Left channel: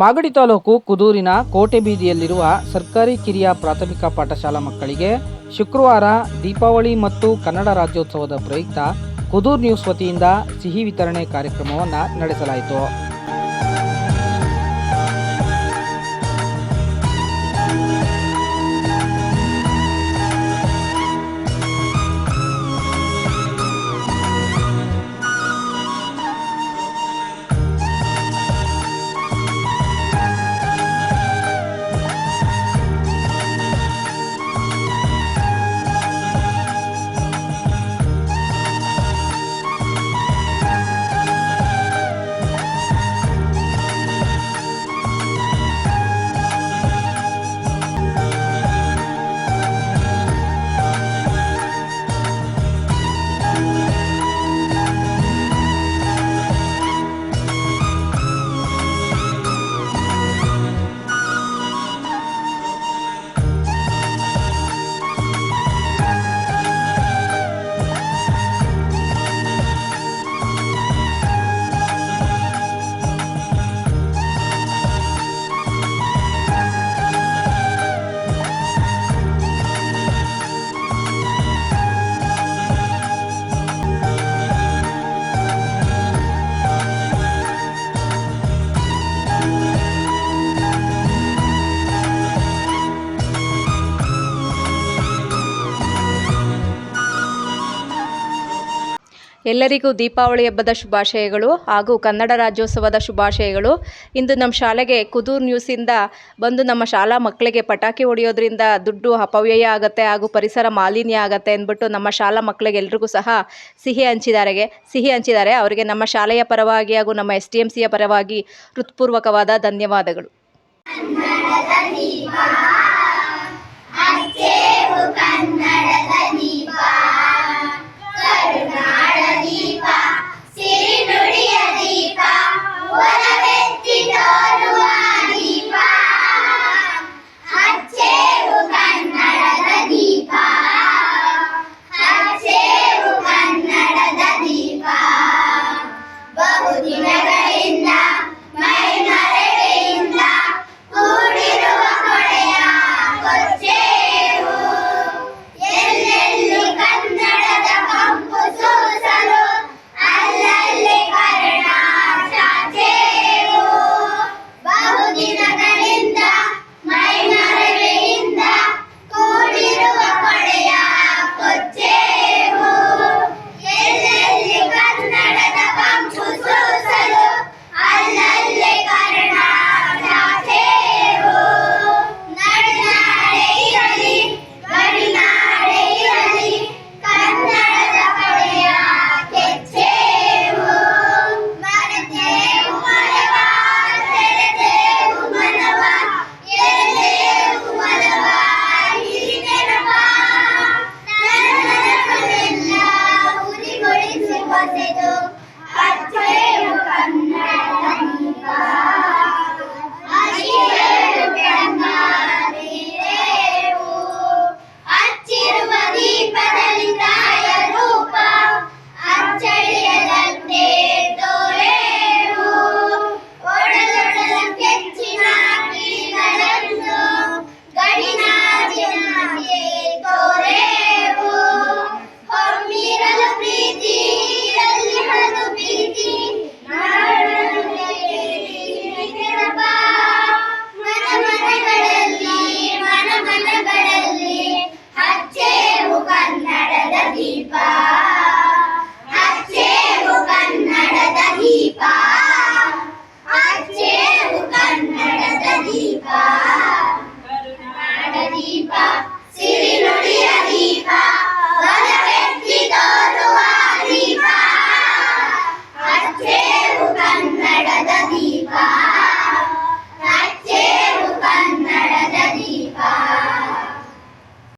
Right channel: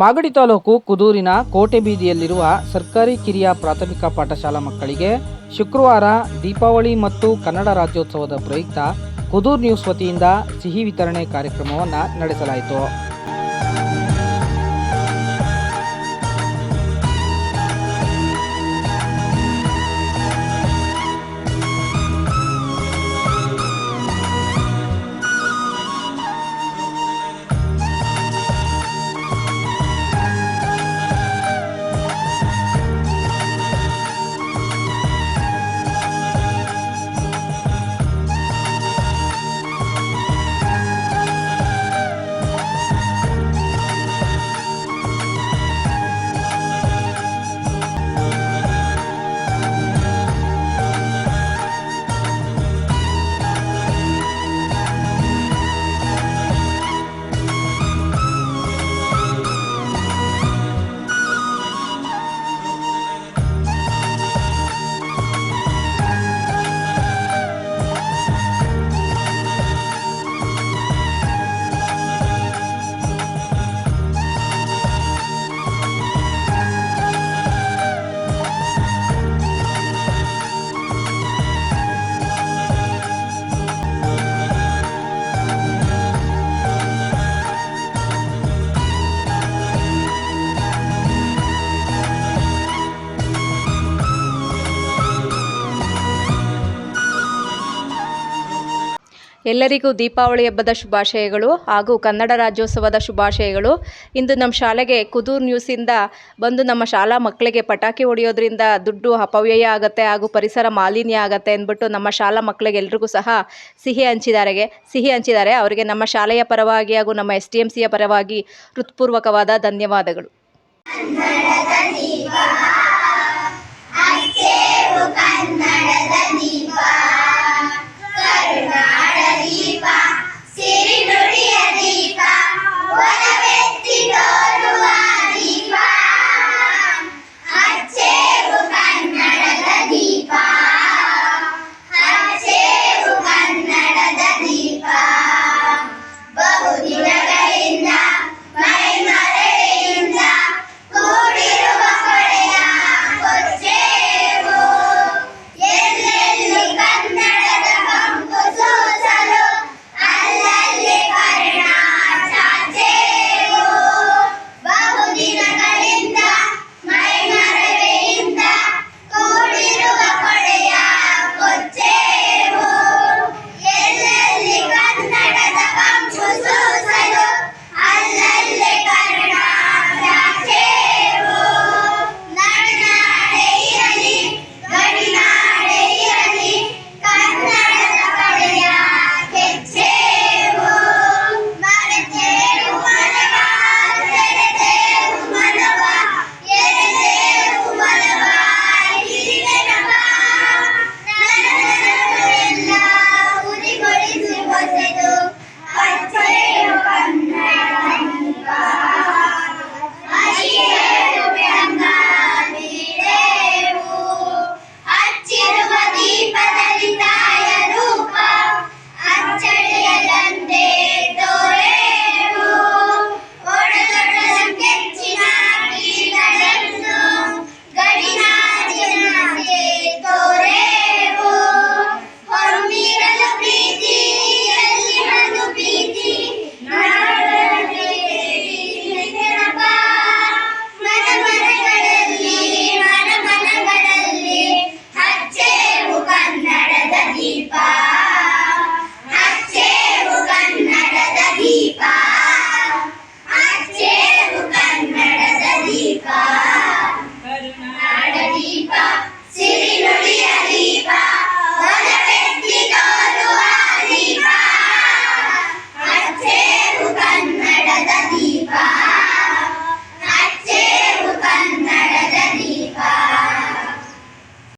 ಮಾಗಡಿ ತಾಲೂಕು ಕುದೂರಿನ ಕೋಟೆ ಬೀದಿಯಲ್ಲಿರುವ ಸರ್ಕಾರಿ ಕಿರಿಯ ಪ್ರಾಥಮಿಕ ಪಾಠಶಾಲಾ ಮಕ್ಕಳಿಗೆ ಶುಕ್ರವಾರ ದೀಪಾವಳಿ ಮತ್ತು ಕನ್ನಡ ರಾಜ್ಯೋತ್ಸವದ ಪ್ರಯುಕ್ತ ಕುದೂರ್ ನ್ಯೂಸ್ ವತಿಯಿಂದ ಸಿಹಿ ವಿತರಣೆ ಕಾರ್ಯಕ್ರಮವನ್ನು ನಡೆಸಲಾಯಿತು. ಎಲ್ಲರಿಗೂ ದೀಪಾವಳಿ ಹಬ್ಬದ ಶುಭಾಶಯಗಳು ಹಾಗೂ ಕನ್ನಡ ರಾಜ್ಯೋತ್ಸವದ ಶುಭಾಶಯಗಳು. ಇಂದು ನಮ್ಮ ಶಾಲೆಗೆ ಕುದೂರ್ ನ್ಯೂಸಿಂದ ಬಂದು ನಮ್ಮ ಶಾಲಾ ಮಕ್ಕಳಿಗೆ ಪಟಾಕಿ ಹೊಡೆಯೋದ್ರಿಂದ ದುಡ್ಡು ಅಪವ್ಯಯ ಆಗುತ್ತೆ ಹಾಗೂ ಪರಿಸರ ಮಾಲಿನ್ಯ ಆಗುತ್ತೆ ಅಂದ್ಬಿಟ್ಟು ನಮ್ಮ ಶಾಲಾ ಮಕ್ಕಳಿಗೆ ಎಲ್ರಿಗೂ ಸಹ ಸಿಹಿ ಹಂಚಿದ್ದಾರೆ. ಅವರಿಗೆ ನಮ್ಮ ಶಾಲೆಯ ಪರವಾಗಿ ಹಾಗೂ ನಮ್ಮ STMCಯ ಪರವಾಗಿ ಹೃತ್ಪೂರ್ವಕವಾದ ಧನ್ಯವಾದಗಳು. ದೀಪ